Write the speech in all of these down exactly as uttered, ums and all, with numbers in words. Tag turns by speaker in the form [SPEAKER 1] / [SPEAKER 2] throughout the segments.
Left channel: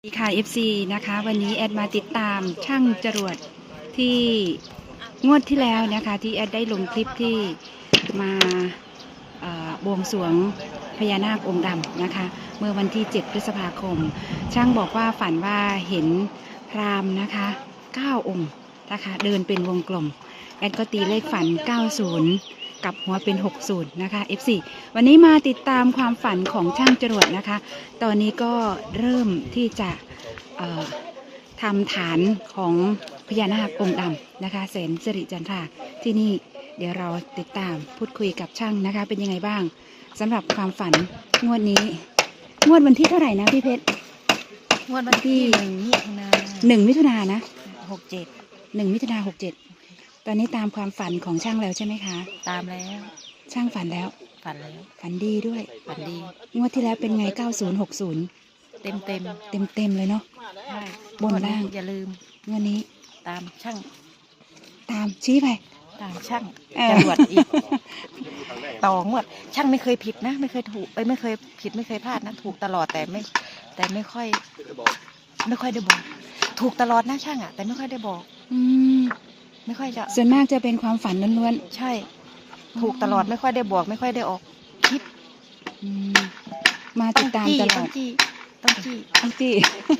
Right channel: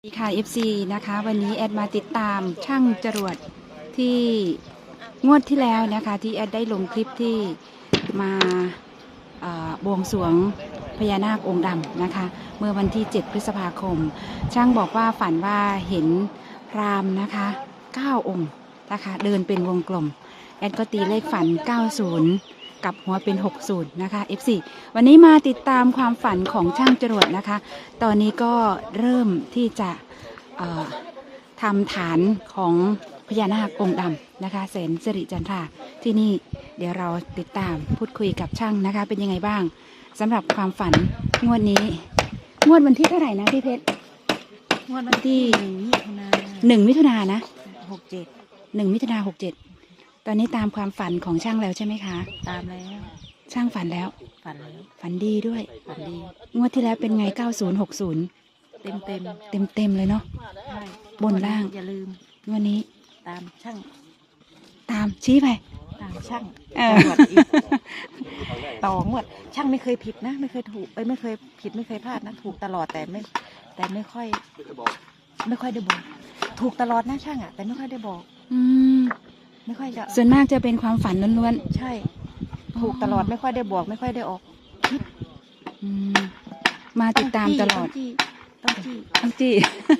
[SPEAKER 1] สวัสดีค่ะ เอฟ ซี นะคะวันนี้แอดมาติดตามช่างจรวดที่งวดที่แล้วนะคะที่แอดได้ลงคลิปที่มาบวงสรวงพญานาคองค์ดำนะคะเมื่อวันที่เจ็ดพฤษภาคมช่างบอกว่าฝันว่าเห็นพราหมณ์นะคะเก้าองค์นะคะเดินเป็นวงกลมแอดก็ตีเลขฝันเก้าสิบกับหัวเป็นหกสิบนะคะ เอฟ ซี วันนี้มาติดตามความฝันของช่างจรวดนะคะตอนนี้ก็เริ่มที่จะทำฐานของพญานาคองค์ดำนะคะแสนสิริจันทราที่นี่เดี๋ยวเราติดตามพูดคุยกับช่างนะคะเป็นยังไงบ้างสำหรับความฝันงวดนี้งวดวันที่เท่าไหร่นะพี่เพชรงวดวันที่หนึ่งมิถุนาหนึ่งมิถุนานะหกเจ็ดหนึ่งมิถุนาหกเจ็ดตอนนี้ตามความฝันของช่างแล้วใช่ไหมคะ
[SPEAKER 2] ตามแล้ว
[SPEAKER 1] ช่างฝันแล้ว
[SPEAKER 2] ฝันแล้ว
[SPEAKER 1] ฝันดีด้วย
[SPEAKER 2] ฝันดี
[SPEAKER 1] งวดที่แล้วเป็นไงเก้าศูนย์หกศูนย์
[SPEAKER 2] เต็มเต็ม
[SPEAKER 1] เต็มเต็มเลยเนาะ
[SPEAKER 2] ใช่
[SPEAKER 1] บนล่าง
[SPEAKER 2] อย่าลืม
[SPEAKER 1] งวดนี้
[SPEAKER 2] ตามช่าง
[SPEAKER 1] ตามชี้ไป
[SPEAKER 2] ตามช่างตรวจอีกต่องวดช่างไม่เคยผิดนะไม่เคยถูกเอ้ยไม่เคยผิดไม่เคยพลาดนะถูกตลอดแต่ไม่แต่ไม่ค่อยไม่ค่อยได้บอกถูกตลอดนะช่างอ่ะแต่ไม่ค่อยได้บอก
[SPEAKER 1] อืม
[SPEAKER 2] ไม่ค่อยจะ
[SPEAKER 1] ส่วนมากจะเป็นความฝันล้วน
[SPEAKER 2] ๆใช่ถูกตลอดไม่ค่อยได้บอกไม่ค่อยได้ออกคลิป
[SPEAKER 1] มาติดตามตลอด
[SPEAKER 2] ต้องจี้ต้องจี้
[SPEAKER 1] ต้องจี้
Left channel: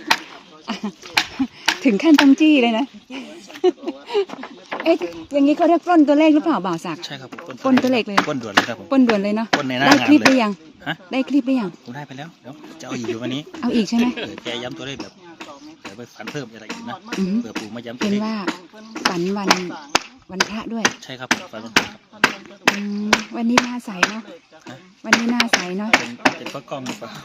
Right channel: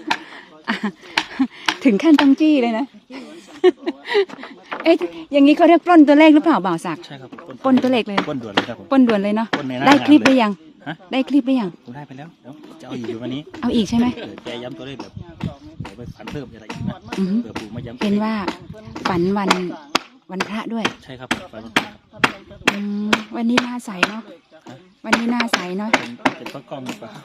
[SPEAKER 1] ถึงขั้นต้องจี้เลยนะ เอ๊ะอย่างนี้เขาเรียกปล้นตัวเลขหรือเปล่าบ่าวศักดิ์
[SPEAKER 3] ใช่ครับ
[SPEAKER 1] ปล้นตัวเลขเลย
[SPEAKER 3] ปล้นด่วนเลยครับผม
[SPEAKER 1] ปล้นด่วนเลยเนาะ
[SPEAKER 3] ได้
[SPEAKER 1] คลิปหรือยังได้คลิปหรือยัง
[SPEAKER 3] ผมได้ไปแล้วเดี๋ยวจะเอาอีกอยู่วันนี้
[SPEAKER 1] เอาอีกใช่ไหม
[SPEAKER 3] เออแกย้ำตัวเลขแบบเดี๋ยวไปฝันเพิ่มอะไรอีกนะเผื่อปู่มาย้ำตัวเลข
[SPEAKER 1] เห็นว่าฝันวันวันพระด้วย
[SPEAKER 3] ใช่ครับฝันวันพระครับ
[SPEAKER 1] วันนี้หน้าใสเนาะวันนี้หน้าใสเนาะ
[SPEAKER 3] เป็นเป็นเพราะกล้องหรือเปล่า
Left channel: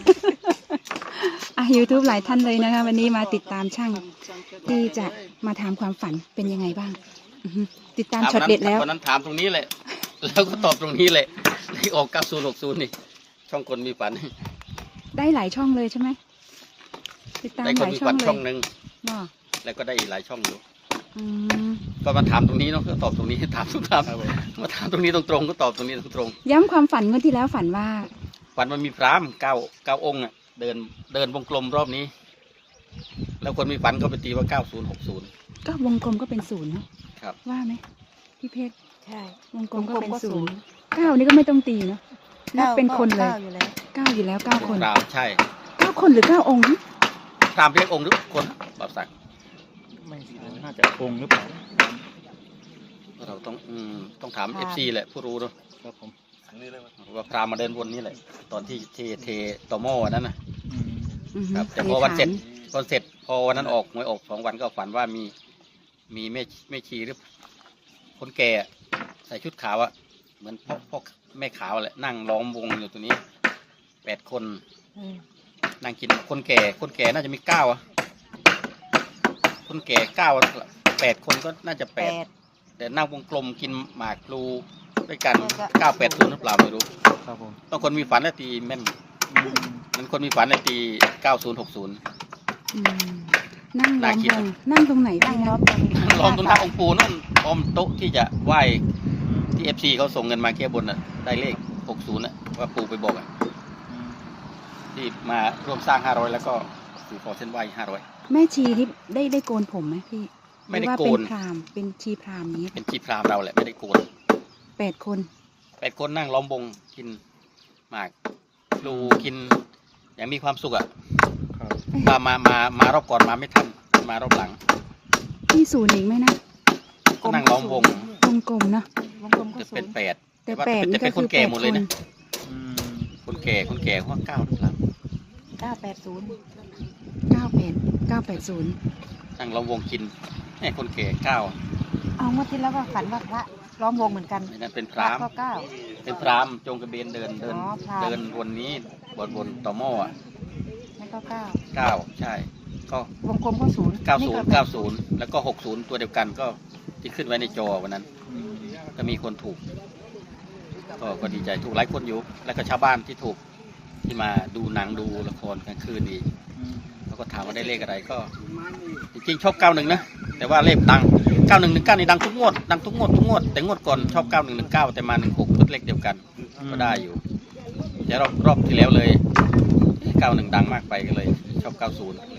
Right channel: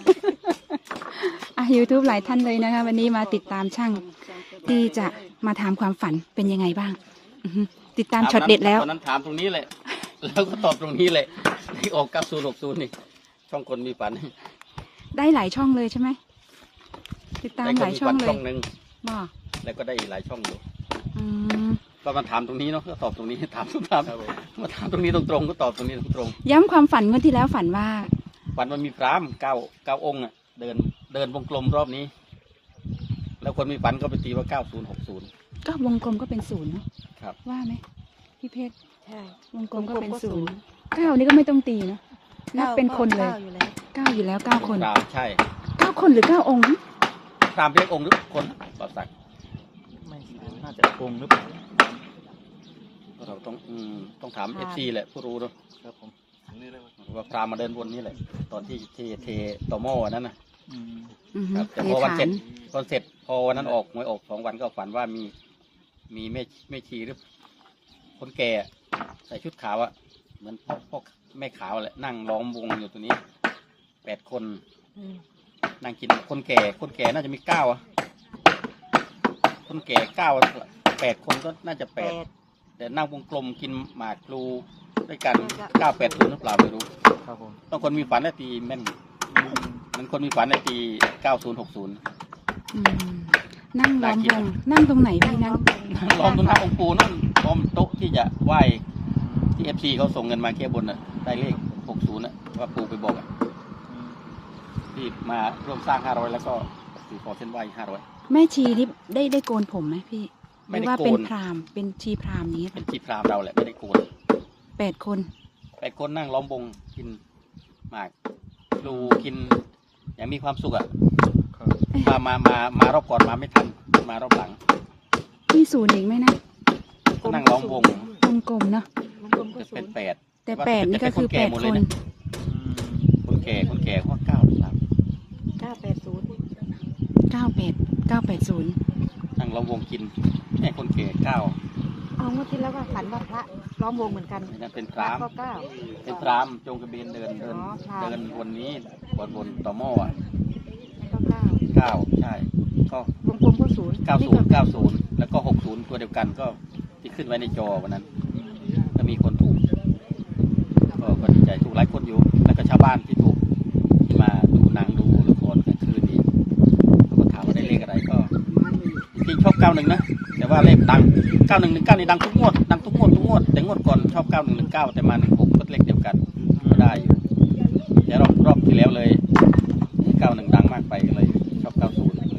[SPEAKER 1] อ่ะ ยูทูบ หลายท่านเลยนะคะวันนี้มาติดตามช่างที่จะมาถามความฝันเป็นยังไงบ้างติดตามช็อตเด็ดแล้ว
[SPEAKER 4] วันนั้นถามตรงนี้แหละแล้วก็ตอบตรงนี้แหละเลขออกเก้าศูนย์หกศูนย์นี่ช่องคนมีฝัน
[SPEAKER 1] ได้หลายช่องเลยใช่ไหมติดตามหลายช่องเลย
[SPEAKER 4] ช่องหนึ่ง
[SPEAKER 1] บ่
[SPEAKER 4] แล้วก็ได้อีกหลายช่องอยู่
[SPEAKER 1] ม
[SPEAKER 4] ก็มาถามตรงนี้เนาะก็ตอบตรงนี้ถามทุกถามมาถามตรงนี้ตรงๆก็ตอบตรงนี้ตรง
[SPEAKER 1] ๆย้ำความฝันเมื่อที่แล้วฝันว่า
[SPEAKER 4] ฝันมันมีพราหมณ์เก้าเก้าองค์อ่ะเดินเดินวงกลมรอบนี้แล้วคนมีฝันก็ไปตีว่าเก้าศูนย์หกศูนย์
[SPEAKER 1] ก็วงกลมก็เป็นศูนย์เนาะ
[SPEAKER 4] ครับ
[SPEAKER 1] ว่าไหมพี่เพชร
[SPEAKER 2] ใช่
[SPEAKER 1] วงกลมก็เป็นศูนย์เก้านี่ก็ไม่ต้องตีเนาะนับเป็นคนเลยเก้าอยู่แล้วเก้าคน
[SPEAKER 4] พราหมณ์ใช่
[SPEAKER 1] เก้าคนหรือเก้าองค์
[SPEAKER 4] พราหมณ์เรียกองค์หรือคนบ่าวศักดิ์
[SPEAKER 3] ไม่น่าจะองค์หรือเปล่า
[SPEAKER 4] เราต้องอืมต้องถามเอฟซีแหละผู้รู้เนาะ
[SPEAKER 3] ครับผม
[SPEAKER 4] ว่าพราหมณ์มาเดินวนนี้แหละตอนที่เทเทตอหม้อนั้นนะ
[SPEAKER 1] ค
[SPEAKER 4] รับแต่พอวันเสร็จพอเสร็จพอวันนั้นออกหวยออกสองวันก็ฝันว่ามีมีแม่แม่ชีหรือคนแก่ใส่ชุดขาวอะเหมือนพ่อพ่อแม่ขาวแหละนั่งล้อมวงอยู่ตัวนี้แปดคนนั่งกินคนแก่คนแก่น่าจะมีเก้าอะคนแก่เก้าแปดคนก็น่าจะแปดแต่นั่งวงกลมกินหมากพลูด้วยกันเก้าแปดศูนย์หรือเปล่าไม่รู้
[SPEAKER 3] ครับผม
[SPEAKER 4] ต้องคนมีฝันและตีแม่นมันคนมีฝันและตีเก้าศูนย์หกศูนย์
[SPEAKER 1] นั่งล้อมวงนั่งตรงไหนพี่นั่ง
[SPEAKER 4] ล้อมตรงหน้าองค์ปู่นั่นล้อมโต๊ะที่จะไหว้ที่เอฟซีเขาส่งเงินมาแก้บนน่ะได้เลขหกศูนย์น่ะว่าปู่ไปบอกอ่ะที่มาร่วมสร้างห้าร้อยแล้วก็สู่ขอเส้นไหว้ห้าร้อย
[SPEAKER 1] แม่ชีนี่ได้ได้โกนผมไหมพี่
[SPEAKER 4] ไม่ได้โกน
[SPEAKER 1] เป็นพราหมณ์เป็นชีพราหมณ์นี้
[SPEAKER 4] เป็นชีพราหมณ์เราแหละไม่ได้โกน
[SPEAKER 1] แปดคน
[SPEAKER 4] แปดคนนั่งล้อมวงกินหมากดูกินอย่างมีความสุขอ่ะมามามามารอบก่อนมาไม่ทันมารอบหลัง
[SPEAKER 1] ที่ศูนย์เองไหมนะ
[SPEAKER 4] ก็นั่งล้อมวง
[SPEAKER 1] วงกลมนะ
[SPEAKER 4] จะเป็นแปด
[SPEAKER 1] แต่แปดนี่ก็คือแปดคน
[SPEAKER 4] คนแก่คนแก่ว่าเก้าหรือเปล่า
[SPEAKER 2] เก้าแปดศูนย์
[SPEAKER 1] เก้าแปดเก้าแปดศูนย์
[SPEAKER 4] นั่งล้อมวงกินแม่คนแก่เก้า
[SPEAKER 2] เอาเมื่อที่แล้วว่าฝันว่าพระล้อมวงเหมือนกัน
[SPEAKER 4] นั่นเป็นพราหมณ์เป็นพราหมณ์จงกระเบนเดินเดินเดินวนนี้วนวนต่อหม้ออ่ะเก้าใช่ก็
[SPEAKER 2] วงกลมก็ศูนย์
[SPEAKER 4] เก้าศูนย์เก้าศูนย์แล้วก็หกศูนย์ตัวเดียวกันก็ที่ขึ้นไว้ในจอวันนั้นก็มีคนถูกก็ก็ดีใจถูกหลายคนอยู่แล้วก็ชาวบ้านที่ถูกที่มาดูหนังดูละครกลางคืนนี้เขาก็ถามว่าได้เลขอะไรก็จริงๆชอบเก้าหนึ่งนะแต่ว่าเลขดังเก้าหนึ่งหนึ่งเก้านี่ดังทุกงวดดังทุกงวดทุกงวดแต่งวดก่อนชอบเก้าหนึ่งหนึ่งเก้าแต่มาหนึ่งหกก็เลขเดียวกันก็ได้อยู่แต่รอบรอบที่แล้วเลยเก้าหนึ่งดังมากไปก็เลยชอบเก้าศูนย์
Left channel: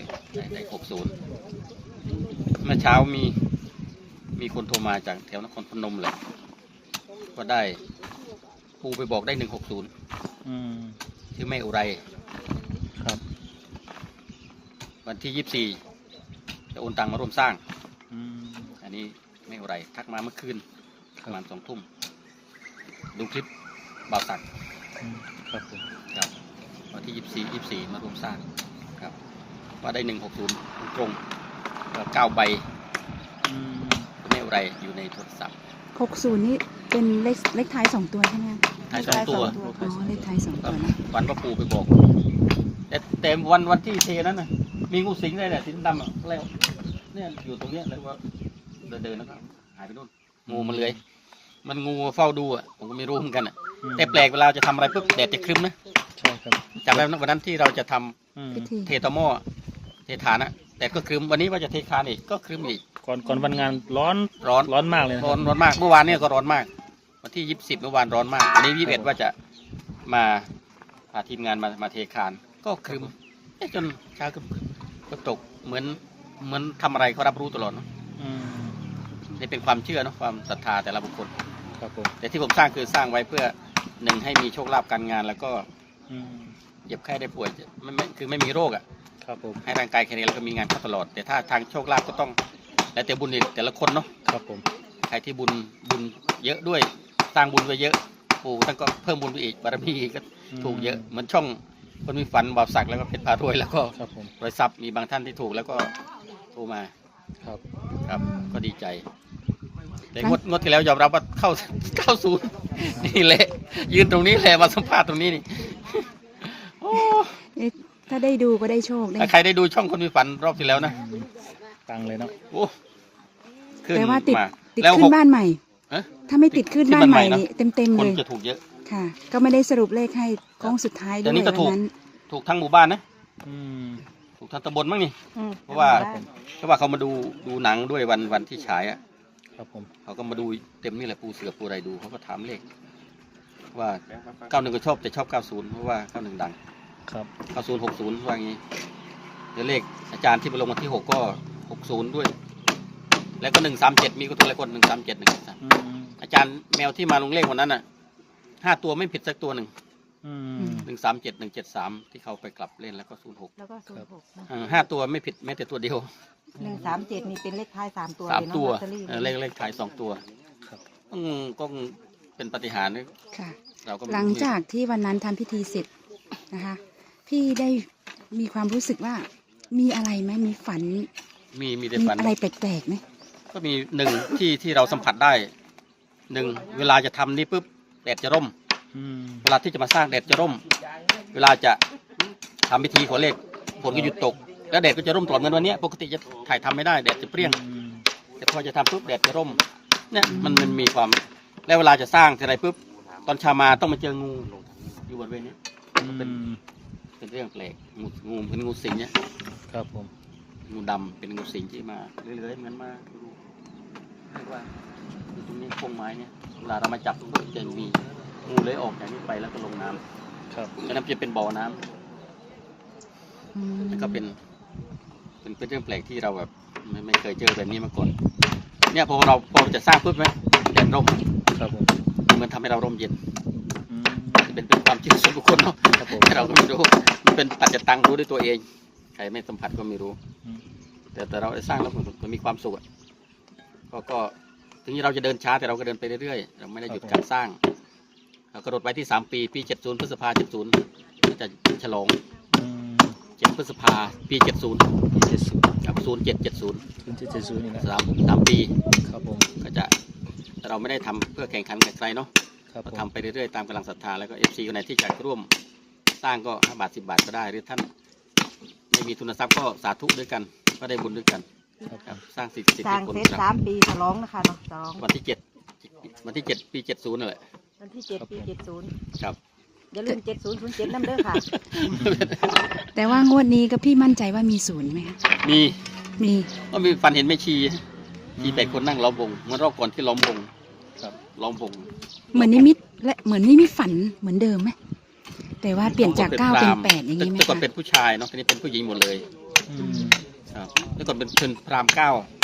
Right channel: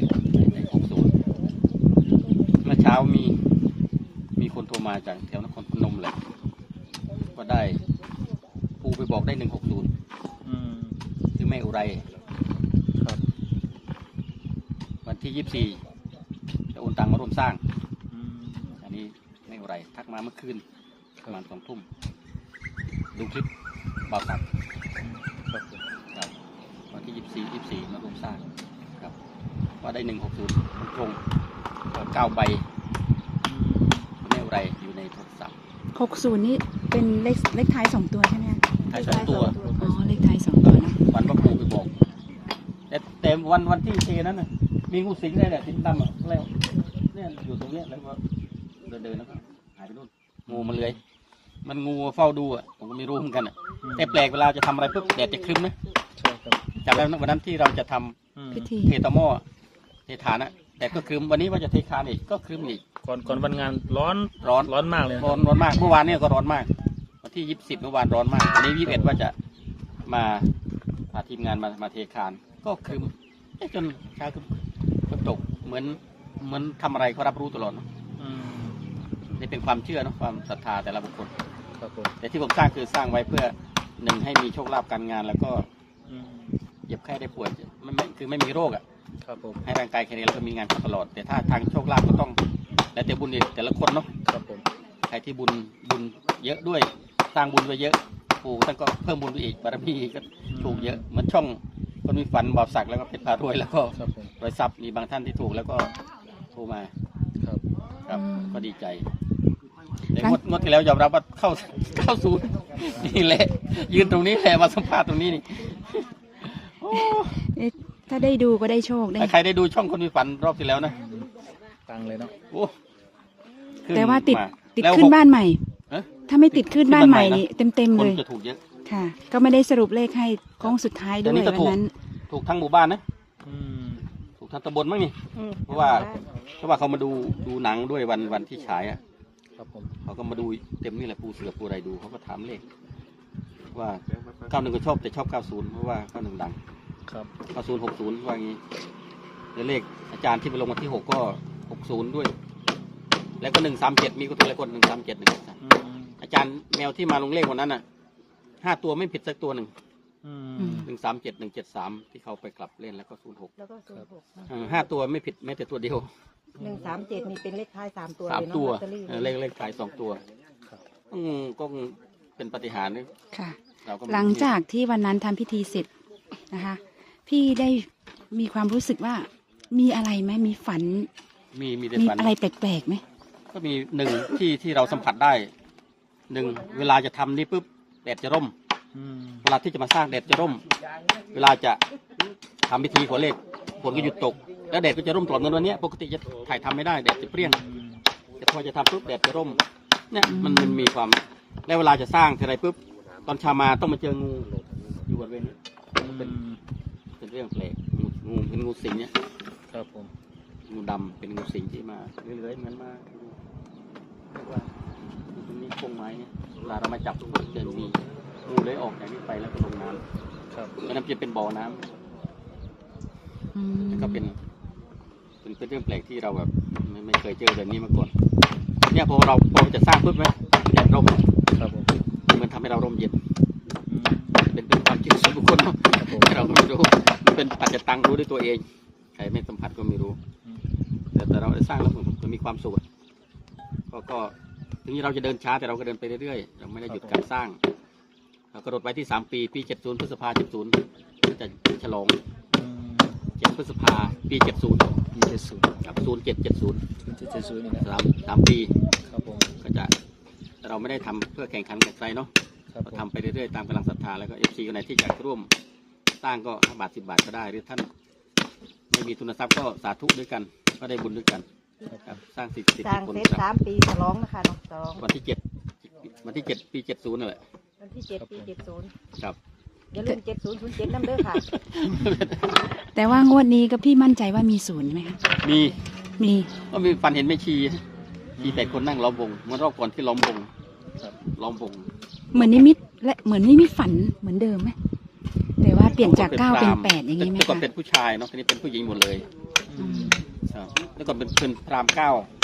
[SPEAKER 4] เช้ามีมีคนโทรมาจากแถวนครพนมเลยก็ได้ปูไปบอกได้หนึ่งหกศูนย์
[SPEAKER 3] อืม
[SPEAKER 4] ชื่อแม่อุไร
[SPEAKER 3] ครับ
[SPEAKER 4] วันที่ยี่สิบสี่จะโอนตังมาร่วมสร้าง
[SPEAKER 3] อืม
[SPEAKER 4] อันนี้แม่อุไรทักมาเมื่อคืนประมาณสองทุ่มดูคลิปบ่าวสัก
[SPEAKER 3] อืมครับผม
[SPEAKER 4] ครับวันที่ยี่สิบสี่ยี่สิบสี่มาร่วมสร้างครับว่าได้หนึ่งหกศูนย์ตรงๆเก้าใบ
[SPEAKER 3] อืม
[SPEAKER 4] แม่อุไรอยู่ในโทรศัพท์
[SPEAKER 1] หกศูนย์นี่เป็นเลขเลขท้ายสองตัวใช่ไหมคะ
[SPEAKER 4] ท้ายสองตัว
[SPEAKER 1] อ๋อเลขท้ายสองตัวนะ
[SPEAKER 4] วันพระปูไปบอก แต่แต่วันวันที่เทนั้นน่ะมีงูสิงได้แหละสีดำอ่ะแล้วเนี่ยอยู่ตรงเนี้ยแล้วก็เดินเดินแล้วก็หายไปนู่นงูมันเลื้อยมันงูเฝ้าดูอ่ะผมก็ไม่รู้เหมือนกันอ่ะแต่แปลกเวลาจะทำอะไรปุ๊บแดดจะครึ้มนะ
[SPEAKER 3] ใช่ครับ
[SPEAKER 4] จำได้ไหมวันนั้นที่เราจะทำ
[SPEAKER 3] อืม
[SPEAKER 1] พิธี
[SPEAKER 4] เทตอหม้อเทฐานนะแต่ก็ครึ้มวันนี้ว่าจะเทคานอีกก็ครึ้มอีก
[SPEAKER 3] ก่อนก่อนวันงานร้อน
[SPEAKER 4] ร้อน
[SPEAKER 3] ร้อนมากเลยนะ
[SPEAKER 4] ร้อนร้อนมากเมื่อวานเนี่ยก็ร้อนมากวันที่ยี่สิบเมื่อวานร้อนมากวันนี้ยี่สิบเอ็ดว่าจะมาพาทีมงานมามาเทคานก็ครึ้มเอ๊ะจนเช้าครึ้มก็ตกเหมือนเหมือนทำอะไรเขารับรู้ตลอดเนาะ
[SPEAKER 3] อืม
[SPEAKER 4] นี่เป็นความเชื่อเนาะความศรัทธาแต่ละบุคคล
[SPEAKER 3] ครับผม
[SPEAKER 4] แต่ที่ผมสร้างคือสร้างไว้เพื่อหนึ่งให้มีโชคลาภการงาน แล้วก็
[SPEAKER 3] อืม
[SPEAKER 4] เจ็บไข้ได้ป่วยไม่ไม่คือไม่มีโรคอ่ะ
[SPEAKER 3] ครับผม
[SPEAKER 4] ให้ร่างกายแข็งแรงแล้วก็มีงานเข้าตลอด แต่ถ้าทางโชคลาภก็ต้องแล้วแต่บุญอีกแต่ละคนเนาะ
[SPEAKER 3] ครับผม
[SPEAKER 4] ใครที่บุญบุญเยอะด้วยสร้างบุญไว้เยอะปู่ท่านก็เพิ่มบุญไปอีกบารมีก็ถูกเยอะเหมือนช่องคนมีฝันบาปสักแล้วก็เพชรพารวยแล้วก็
[SPEAKER 3] ครับผม
[SPEAKER 4] รอยทรัพย์มีบางท่านที่ถูกแล้วก็โทรมา
[SPEAKER 3] ครับ
[SPEAKER 4] ครับก็ดีใจแต่งวดงวดที่แล้วยอมรับว่าเข้าเข้าศูนย์นี่แหละยืนตรงนี้แหละมาสัมภาษณ์ตรงนี้นี่โอ้
[SPEAKER 1] เอ๊ะถ้าได้ดูก็ได้โชคได้
[SPEAKER 4] ถ้าใครได้ดูช่องคนมีฝันรอบที่แล้วนะ
[SPEAKER 3] ตังเลยนะ
[SPEAKER 4] โอ้ขึ้น
[SPEAKER 1] แต่ว่าติด
[SPEAKER 4] มา
[SPEAKER 1] ติด
[SPEAKER 4] แล้ว
[SPEAKER 1] ขึ้
[SPEAKER 4] ห
[SPEAKER 1] น
[SPEAKER 4] ก
[SPEAKER 1] บ้านใหม่
[SPEAKER 4] เอ๊ะ
[SPEAKER 1] ถ้าไม่ติดขึ้น
[SPEAKER 4] ขึ้น
[SPEAKER 1] บ้าน
[SPEAKER 4] บ้าน
[SPEAKER 1] ใหม่
[SPEAKER 4] ใหม่นะ
[SPEAKER 1] นี่เต็มเต็มๆ
[SPEAKER 4] คน
[SPEAKER 1] เลย
[SPEAKER 4] จะถูกเยอะ
[SPEAKER 1] ค่ะ ก็ไม่ได้สรุปเลขให้โค้งสุดท้ายด้
[SPEAKER 4] เดี๋
[SPEAKER 1] วย
[SPEAKER 4] ยวนี้ก็
[SPEAKER 1] วั
[SPEAKER 4] ถู
[SPEAKER 1] น
[SPEAKER 4] ก
[SPEAKER 1] นั้น
[SPEAKER 4] ถูกทั้งหมู่บ้านนะ
[SPEAKER 3] อืม
[SPEAKER 4] ถูกทั้งตำบลมั้งนี่เพราะว่าเพราะว่าเขามาดูดูหนังด้วยวันวันที่ฉายอ่ะ
[SPEAKER 3] ครับผม
[SPEAKER 4] เขาก็มาดูเต็มนี่แหละปูเสือปูอะไรดูเขาก็ถามเลขว่าเก้าหนึ่งก็ชอบแต่ชอบเก้าศูนย์เพราะว่าเก้าหนึ่งดัง
[SPEAKER 3] ครับ
[SPEAKER 4] เก้าศูนย์หกศูนย์ว่างี้เดี๋ยวเลขอาจารย์ที่ไปลงวันที่หกก็หกศูนย์ด้วย แล้วก็หนึ่งสามเจ็ดมีก็ตัวละคนหนึ่งสามเจ็ดหนึ่งสาม
[SPEAKER 3] อืม
[SPEAKER 4] อาจารย์แมวที่มาลงเลขวันนั้นน่ะห้าตัวไม่ผิดสักตัวหนึ่ง
[SPEAKER 3] อืม
[SPEAKER 4] หนึ่งสามเจ็ดหนึ่งเจ็ดสามที่เขาไปกลับเล่นแล้วก็ศูนย์หก
[SPEAKER 2] แล้วก็ศูนย์หก
[SPEAKER 4] ห้าตัวไม่ผิดแม้แต่ตัวเดียว
[SPEAKER 2] หนึ่งสามเจ็ดนี่เป็นเลขท้ายสามตัว
[SPEAKER 4] สามตัว
[SPEAKER 2] เลยเนอะลอตเตอรี่
[SPEAKER 4] เออเลขเลขท้ายสองตัว
[SPEAKER 3] ครับ
[SPEAKER 4] อืมก็เป็นปาฏิหาริย์นะ
[SPEAKER 1] ค่ะ
[SPEAKER 4] เราก็ไม่
[SPEAKER 1] หลังจากที่วันนั้นทำพิธีเสร็จนะคะ พี่ได้มีความรู้สึกว่ามีอะไรไหมมีฝัน
[SPEAKER 4] มีมีแต่
[SPEAKER 1] มี
[SPEAKER 4] ฝัน
[SPEAKER 1] อะไรแปลกๆไหม
[SPEAKER 4] ก็มีหนึ่งที่ที่เราสัมผัสได้หนึ่งเวลาจะทำนี่ปุ๊บแดดจะร่ม
[SPEAKER 3] อืม
[SPEAKER 4] เวลาที่จะมาสร้างแดดจะร่ม เวลาจะทำพิธีขอเลขฝนก็หยุดตก แล้วแดดก็จะร่มตลอดเหมือนวันเนี้ยปกติจะถ่ายทำไม่ได้แดดจะเปรี้ยง
[SPEAKER 3] อืม
[SPEAKER 4] แต่พอจะทำปุ๊บแดดจะร่มเนี่ยมันมันมีความแล้วเวลาจะสร้างทีไรปุ๊บตอนเชามาต้องมาเจองูอยู่บริเวณนี้ เป็น เป็นเรื่องแปลกงูงูเป็นงูสิงเนี่ย
[SPEAKER 3] ครับผม
[SPEAKER 4] งูดำเป็นงูสิงที่มาเรื่อยๆเหมือนมาดูเรียกว่าอยู่ตรงนี้โค้งไม้เนี่ยเวลาเรามาจับปุ๊บจะมีงูเลื้อยออกจากนี้ไปแล้วก็ลงน้ำ
[SPEAKER 3] ครับ
[SPEAKER 4] แล้วน้ำจะเป็นบ่อน้ำ
[SPEAKER 1] อืม
[SPEAKER 4] แล้วก็เป็นเป็นเป็นเรื่องแปลกที่เราแบบไม่ไม่เคยเจอแบบนี้มาก่อนเนี่ยพอเราพอจะสร้างปุ๊บไหมแดดร่ม
[SPEAKER 3] ครับผม
[SPEAKER 4] เหมือนทำให้เราร่มเย็น
[SPEAKER 3] อืม
[SPEAKER 4] เป็นเป็นความเชื่อส่วนบุคคลเนาะ
[SPEAKER 3] ครับผม
[SPEAKER 4] เราก็ไม่รู้มันเป็นปัจจตังรู้ด้วยตัวเองใครไม่สัมผัสก็ไม่รู้
[SPEAKER 3] อืม
[SPEAKER 4] แต่แต่เราได้สร้างแล้วมันก็มีความสุขอะก็ก็ถึงเราจะเดินช้าแต่เราก็เดินไปเรื่อยๆเราไม่ได้หยุดการสร้างเรากระโดดไปที่สามปีปีเจ็ดศูนย์พฤษภาเจ็ดศูนย์ก็จะฉลอง
[SPEAKER 3] อืม
[SPEAKER 4] เจ็ดพฤษภาปีเจ็ดศูนย์
[SPEAKER 3] เจ็ดสิบ
[SPEAKER 4] กับศูนย์เจ็ดเจ็ดศูนย์
[SPEAKER 3] ศูนย์เจ็ดเจ็ดศูนย์นี่นะ
[SPEAKER 4] สามสามปี
[SPEAKER 3] ครับผม
[SPEAKER 4] ก็จะแต่เราไม่ได้ทำเพื่อแข่งขันกับใครเนาะ
[SPEAKER 3] ครับผ
[SPEAKER 4] เรา
[SPEAKER 3] ม
[SPEAKER 4] ทำไปเรื่อยๆตามกำลังศรัทธาแล้วก็เอฟซีคนไหนที่อยากร่วมสร้างก็ห้าบาทสิบบาทก็ได้หรือท่านไม่มีทุนทรัพย์ก็สาธุด้วยกัน ก็ได้บุญด้วยกันครับสร้างสิทธิ์สิท
[SPEAKER 2] สร้า
[SPEAKER 4] ธิ
[SPEAKER 2] ง
[SPEAKER 4] ผล
[SPEAKER 2] เสร็จ
[SPEAKER 4] ครับ
[SPEAKER 2] สามปีฉลองนะคะเนาะสอง
[SPEAKER 4] วันที่เจ็ดวันที่เจ็ดปีเจ็ดศูนย์นั่นแหละ
[SPEAKER 2] วันที่เจ็ดปีเจ็ดศูนย์
[SPEAKER 4] ครับ
[SPEAKER 2] อย่าลืมเจ็ดศูนย์ศูนย์เจ็ดน้ำเด้อค่ะ
[SPEAKER 1] แต่ว่างวดนี้ก็พี่มั่นใจว่ามีศูนย์ไหมคะ
[SPEAKER 4] มี
[SPEAKER 1] มี
[SPEAKER 4] ก็มีฟันเห็นแม่ชีชีแปดคนนั่งล้อมวงเหมื่อนรอบก่อนที่ล้อมวง
[SPEAKER 3] ครับ
[SPEAKER 4] ล้อมวง
[SPEAKER 1] เหมือนนิมิตและเหมือนนิมิตฝันเหมือนเดิมไหมแต่ว่าเปลี่ยนจากเก้าเป็นแปดอย่างนี้ไหม
[SPEAKER 4] แต่ก่อน
[SPEAKER 1] คะ
[SPEAKER 4] เป็นผู้ชายเนาะทีนี้เป็นผู้หญิงหมดเลย
[SPEAKER 3] อืม
[SPEAKER 4] ครับแล้วก่อนเป็นเป็นพราหมณ์เก้า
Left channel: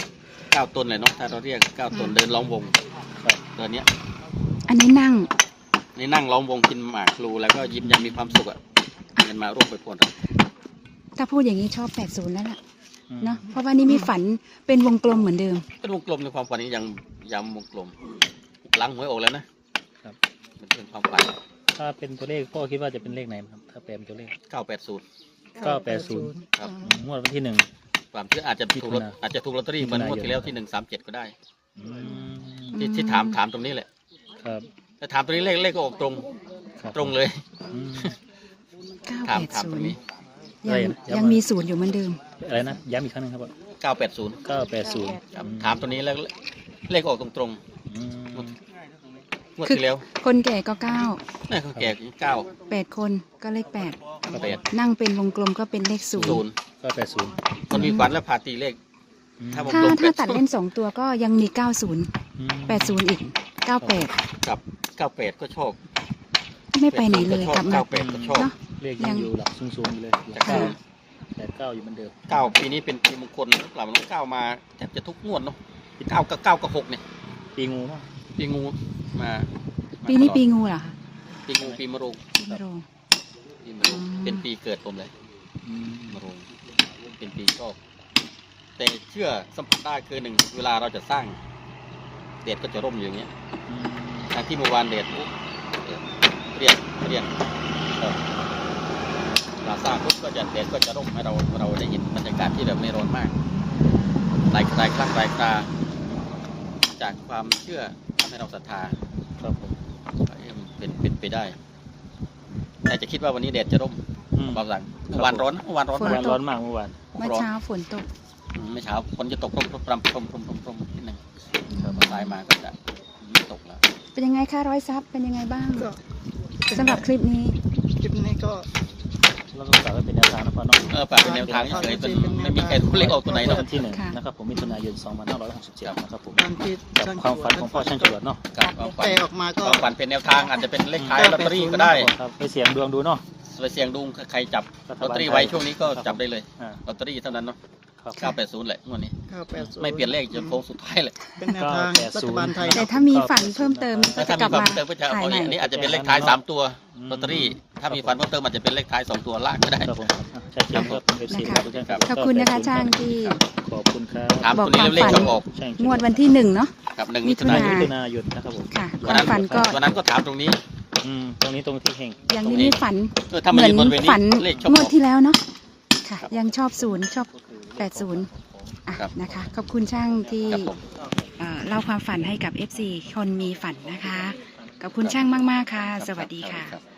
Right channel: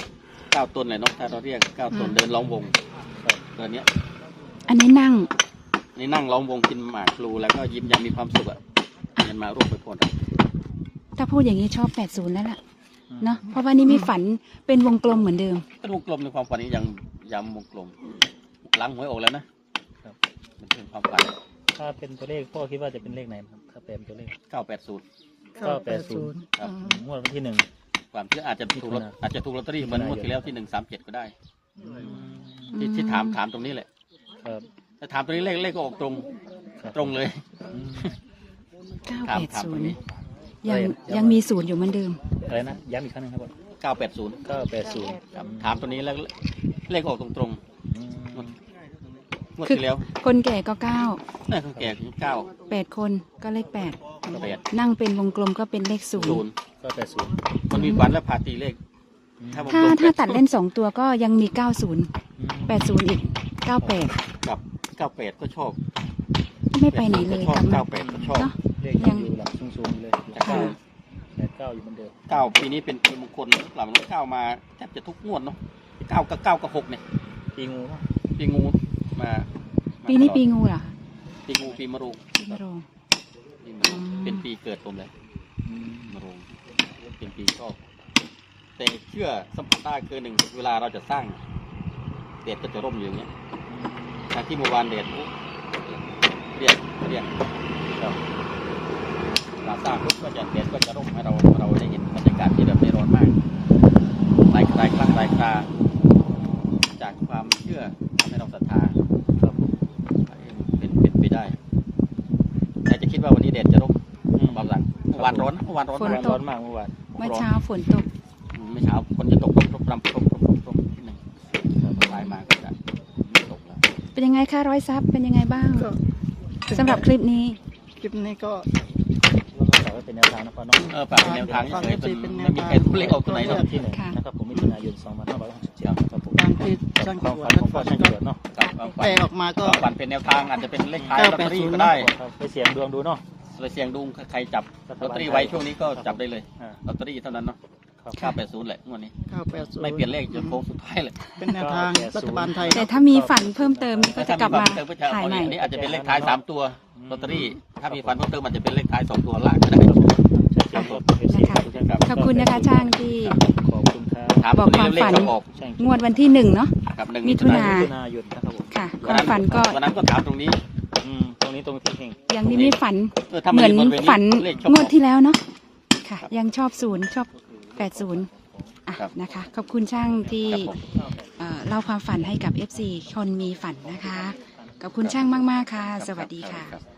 [SPEAKER 4] เก้าตนเลยเนาะถ้าเราเรียกเก้าตนเดินล้อมวงตอนเนี้ย
[SPEAKER 1] อันนี้นั่ง
[SPEAKER 4] นี่นั่งล้อมวงกินหมากพลูแล้วก็ยิ้มยังมีความสุขอ่ะเงินมาร่วมไปพล
[SPEAKER 1] ถ้าพูดอย่างนี้ชอบแปดศูนย์แล้วล่ะเนาะเพราะว่านี่มีฝันเป็นวงกลมเหมือนเดิม
[SPEAKER 4] เป็นวงกลมในความฝันนี้ยังย้ำวงกลมหลังหวยออกแล้วนะครับ มันเป็นความฝัน
[SPEAKER 3] ถ้าเป็นตัวเลขพ่อคิดว่าจะเป็นเลขไหนครับถ้าแปลเป็นตัวเลข
[SPEAKER 4] เก้าแปดศูนย์
[SPEAKER 3] เก้าแปดศูนย์
[SPEAKER 4] ครับ
[SPEAKER 3] งวดวันที่หนึ่ง
[SPEAKER 4] ความเชื่ออาจจะถูกลอตอาจจะถูกลอตเตอรี่เหมือนงวดที่แล้วที่หนึ่งสามเจ็ดก็ได้
[SPEAKER 3] อืม
[SPEAKER 4] ที่ที่ถามถามตรงนี้แหละ
[SPEAKER 3] ครับ
[SPEAKER 4] แต่ถามตรงนี้เลขเลขก็ออกตรง
[SPEAKER 3] ครับ
[SPEAKER 4] ตรงเลย
[SPEAKER 3] อืม
[SPEAKER 1] เก้า
[SPEAKER 4] ถาม
[SPEAKER 1] แปด
[SPEAKER 4] ถาม
[SPEAKER 1] ศู
[SPEAKER 4] ตร
[SPEAKER 1] น
[SPEAKER 4] ง
[SPEAKER 1] ย์
[SPEAKER 4] นี้
[SPEAKER 1] ยัง
[SPEAKER 3] เอ้ย
[SPEAKER 1] ยังมีศูนย์อยู่เหมือนเดิม
[SPEAKER 3] อะไรนะย้ำอีกครั้งหนึงครับว่า
[SPEAKER 4] เก้าแปดศูนย์
[SPEAKER 3] เก้าแปดศูนย์
[SPEAKER 4] ครับถามตรงนี้แล้วเลขออกตรงตรง
[SPEAKER 3] อืม
[SPEAKER 4] ๆงวดงวดที่แล้ว
[SPEAKER 1] คนแก่ก็เก้า
[SPEAKER 4] นี่เขาแก่เก้า
[SPEAKER 1] แปดคนก็เลขแปด
[SPEAKER 4] แปด
[SPEAKER 1] นั่งเป็นวงกลมก็เป็นเลขศูน
[SPEAKER 4] ศู
[SPEAKER 1] ย์
[SPEAKER 4] นย์
[SPEAKER 3] เก้าแปดศูนย์
[SPEAKER 4] คนมีขวัญและพาตีเลข ถ้า
[SPEAKER 1] ถ้า
[SPEAKER 4] วงกลม
[SPEAKER 1] ถ้า
[SPEAKER 4] แปด
[SPEAKER 1] ตัดเล่นสองตัวก็ยังมีเก้าศูนย์
[SPEAKER 3] อืม
[SPEAKER 1] แปดศูนย์อีกเก้าแปด
[SPEAKER 4] กับเก้าแปดก็ชอบ
[SPEAKER 1] ไม่ไปไหนเลย
[SPEAKER 4] ชอบ
[SPEAKER 1] กลับมา
[SPEAKER 4] เก้าแปดก็ชอบ
[SPEAKER 1] เนาะ
[SPEAKER 3] เลขยังอยู่หลักสูงๆอยู่เลย
[SPEAKER 4] จาก
[SPEAKER 1] ค่ะ
[SPEAKER 4] ศูนย์
[SPEAKER 3] แปดเก้าอยู่เหมือนเดิม
[SPEAKER 4] เก้าปีนี้เป็นปีมงคลหรือเปล่ามันเก้ามาแทบจะทุกงวดเนาะเก้ากับเก้ากับหกเนี่ย
[SPEAKER 3] ปีงูมั้ง
[SPEAKER 4] ปีงูมามา
[SPEAKER 1] ปีนี้
[SPEAKER 4] ตลอด
[SPEAKER 1] ปีงูเหรอคะ
[SPEAKER 4] ปีงูปีมะโรง
[SPEAKER 1] ปีมะโรง
[SPEAKER 4] ปีมะโรง
[SPEAKER 1] อ๋อ
[SPEAKER 4] เป็นปีเกิดผมเลย
[SPEAKER 3] อืม
[SPEAKER 4] มะโรงเป็นปีชอบ แต่เชื่อสัมผัสได้คือหนึ่งเวลาเราจะสร้างเดชก็จะร่มอยู่อย่างเงี้ย
[SPEAKER 3] อืม
[SPEAKER 4] ทางที่เมื่อวานเดชปุ๊บเรียกเรียกครับเราสร้างปุ๊บก็จะเดชก็จะร่มให้เราเราได้เห็นบรรยากาศที่แบบไม่ร้อนมากหลายหลายครั้งหลายคราจากความเชื่อทำให้เราศรัทธา
[SPEAKER 3] ครับ
[SPEAKER 4] เป็นเป็นไปได้ แต่จะคิดว่าวันนี้แดดจะร่ม
[SPEAKER 3] อืม
[SPEAKER 4] เบาสั่งเมื่อวานร้อนนะเมื่อวานร้อน
[SPEAKER 1] ฝน
[SPEAKER 4] มาก
[SPEAKER 1] ตก
[SPEAKER 3] ร้อนมากเมื่อวาน
[SPEAKER 1] เมื่อ
[SPEAKER 4] ร้อน
[SPEAKER 1] เช้าฝนตก
[SPEAKER 4] อืมไม่เช้าฝนจะตกพรมพรมพรมพรมพรมพรมนิดหนึ่งสายมาก็จะไม่ตกแล้ว
[SPEAKER 1] เป็นยังไงคะร้อยซับเป็นยังไงบ้าง
[SPEAKER 5] ก็
[SPEAKER 1] สำหรับคลิปนี้
[SPEAKER 5] คลิปนี้ก็
[SPEAKER 3] เราฝากไว้เป็นแนวทางนะครับเนาะ
[SPEAKER 4] เออฝากเป็นแนวทางเฉยๆเป็นไม่มีใครรู้เลขออกตัวไหนหรอก
[SPEAKER 3] ที่หนึ่ง
[SPEAKER 1] ค่ะ
[SPEAKER 3] นะครับผมมิถุนายนสองพันห้าร้อยหกสิบเจ็ดครับผม
[SPEAKER 5] ตามที่
[SPEAKER 3] กับ
[SPEAKER 5] ช่าง
[SPEAKER 3] ความฝันของพ่อช่างจรวดเนาะ
[SPEAKER 4] กับความฝัน
[SPEAKER 5] แต่ออกมาก็
[SPEAKER 4] ความฝันเป็นแนวทางอาจจะเป็นเลขท้ายลอตเตอรี่ก็ได้
[SPEAKER 3] ครับไปเสี่ยงดวงดูเนาะ
[SPEAKER 4] ไปเสี่ยงดูใครจับลอตเตอรี่ไว้ช่วงนี้ก็จับได้เลย
[SPEAKER 3] อ่า
[SPEAKER 4] ลอตเตอรี่เท่านั้นเนาะ
[SPEAKER 3] ครับ
[SPEAKER 4] เก้าแปดศูนย์แหละงวดนี้
[SPEAKER 5] เก้าแปดศูนย์
[SPEAKER 4] ไม่เปลี่ยนเลขจนโค้งสุดท้ายเลย
[SPEAKER 5] เป็นแนวทางรัฐบาลไทย
[SPEAKER 1] แต่ถ้ามีฝันเพิ่มเติมก็จะ
[SPEAKER 4] ถ้าก
[SPEAKER 1] ลับ
[SPEAKER 4] มีความ
[SPEAKER 1] มา
[SPEAKER 4] เติมก็จะ
[SPEAKER 1] ถ่าย
[SPEAKER 4] เอา
[SPEAKER 1] ใหม่
[SPEAKER 4] อันนี้อาจจะเป็นเลขท้ายสามตัวลอตเตอรี่ ถ้ามีฝันเพิ่มเติมอาจจะเป็นเลขท้ายสองตัวล่างก็ได้
[SPEAKER 3] ครับครับครับ
[SPEAKER 1] นะคะ ขอบคุณนะคะช่างที่
[SPEAKER 3] ขอบคุณครับ
[SPEAKER 4] ถาม
[SPEAKER 1] บ
[SPEAKER 4] ตั
[SPEAKER 1] อ
[SPEAKER 4] ว
[SPEAKER 1] ก
[SPEAKER 4] นี้
[SPEAKER 1] ความ
[SPEAKER 4] เลข
[SPEAKER 1] ฝัน
[SPEAKER 4] ก็ออก
[SPEAKER 3] ใช่
[SPEAKER 1] งวดวันที่หนึ่งเนาะ
[SPEAKER 4] ครับหนึ่ง
[SPEAKER 1] มิ
[SPEAKER 4] มิ
[SPEAKER 1] ถุ
[SPEAKER 4] ถุนาน
[SPEAKER 1] าย
[SPEAKER 4] ยน
[SPEAKER 3] มิถุนายนนะครับผม
[SPEAKER 1] ค่ะค
[SPEAKER 4] วัน
[SPEAKER 1] วาม
[SPEAKER 4] นั้น
[SPEAKER 1] ฝันก็
[SPEAKER 4] วันนั้นก็ถามตรงนี้
[SPEAKER 3] อืมตรงนี้ตรงที่เฮง
[SPEAKER 1] ยังนี่มีฝัน
[SPEAKER 4] เออถ้า
[SPEAKER 1] เห
[SPEAKER 4] มัน
[SPEAKER 1] มือน
[SPEAKER 4] อยู่บริเวณนี้
[SPEAKER 1] ฝัน
[SPEAKER 4] เลขชอบ
[SPEAKER 1] ง
[SPEAKER 4] อ
[SPEAKER 1] วด
[SPEAKER 4] อก
[SPEAKER 1] ที่แล้วเนาะค่ะ
[SPEAKER 4] ครับ
[SPEAKER 1] ยังชอบศูนย์ชอบแปดศูนย์อ่ะ
[SPEAKER 4] ครับ
[SPEAKER 1] นะคะ ขอบคุณช่างที่
[SPEAKER 4] ครับผม
[SPEAKER 1] เอ่อเล่าความฝันให้กับ เอฟ ซี คนมีฝันนะคะ ขอบคุณช่างมาก ๆ ค่ะ
[SPEAKER 4] ครับ
[SPEAKER 1] สวัสดี
[SPEAKER 4] รับ
[SPEAKER 1] ค่ะ
[SPEAKER 4] รับ